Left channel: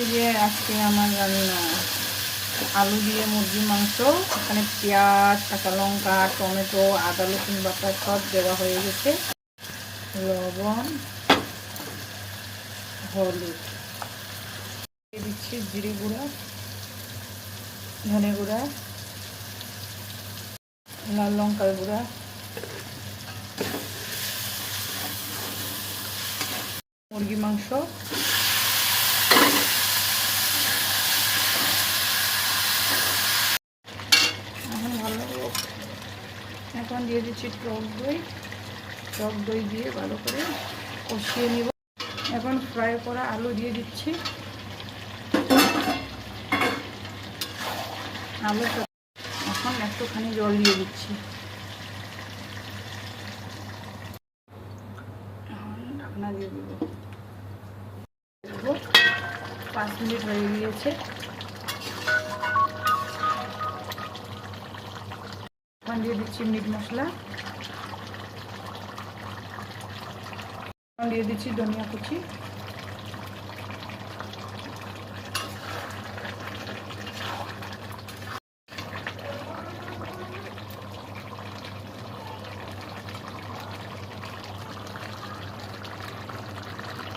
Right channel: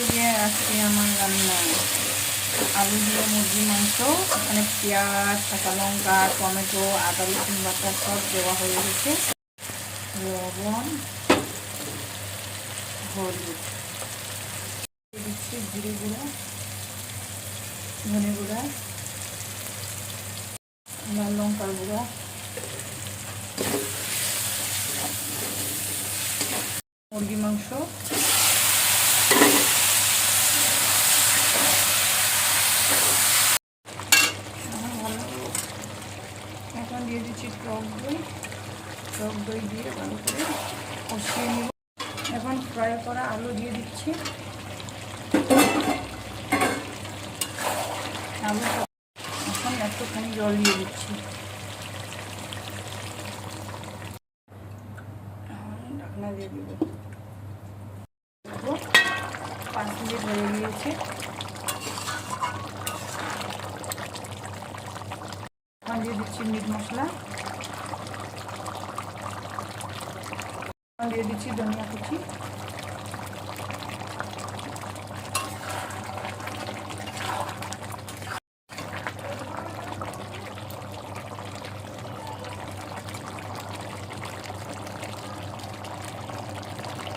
এই যে আজকে আমার রান্না আলু দিয়ে মুরগির মাংস। এখানে পেঁয়াজ, কাঁচা লঙ্কা, টমেটো, আদা রসুন বাটা সব দেওয়া হয়ে গেছে। লবণ, হলুদ দিয়ে দিচ্ছি, জিরে গুঁড়া, ধনে গুঁড়া, লাল লঙ্কার গুঁড়া, মুরগি মাংস, এখন দিয়ে দিচ্ছি টক দই দিয়ে ভালো করে কষিয়ে নিব। এখন ফ্রাই করা আলু দিয়ে দিচ্ছি। আলু এখন একটুখানি জল দিয়ে দিচ্ছি। ঢাকনা দিয়ে দিব। 5 মিনিট হয়ে গিয়েছে। এখন দিয়ে দিচ্ছি মিট মশলা, এখন দিয়ে দিচ্ছি ধনিয়া কুচি।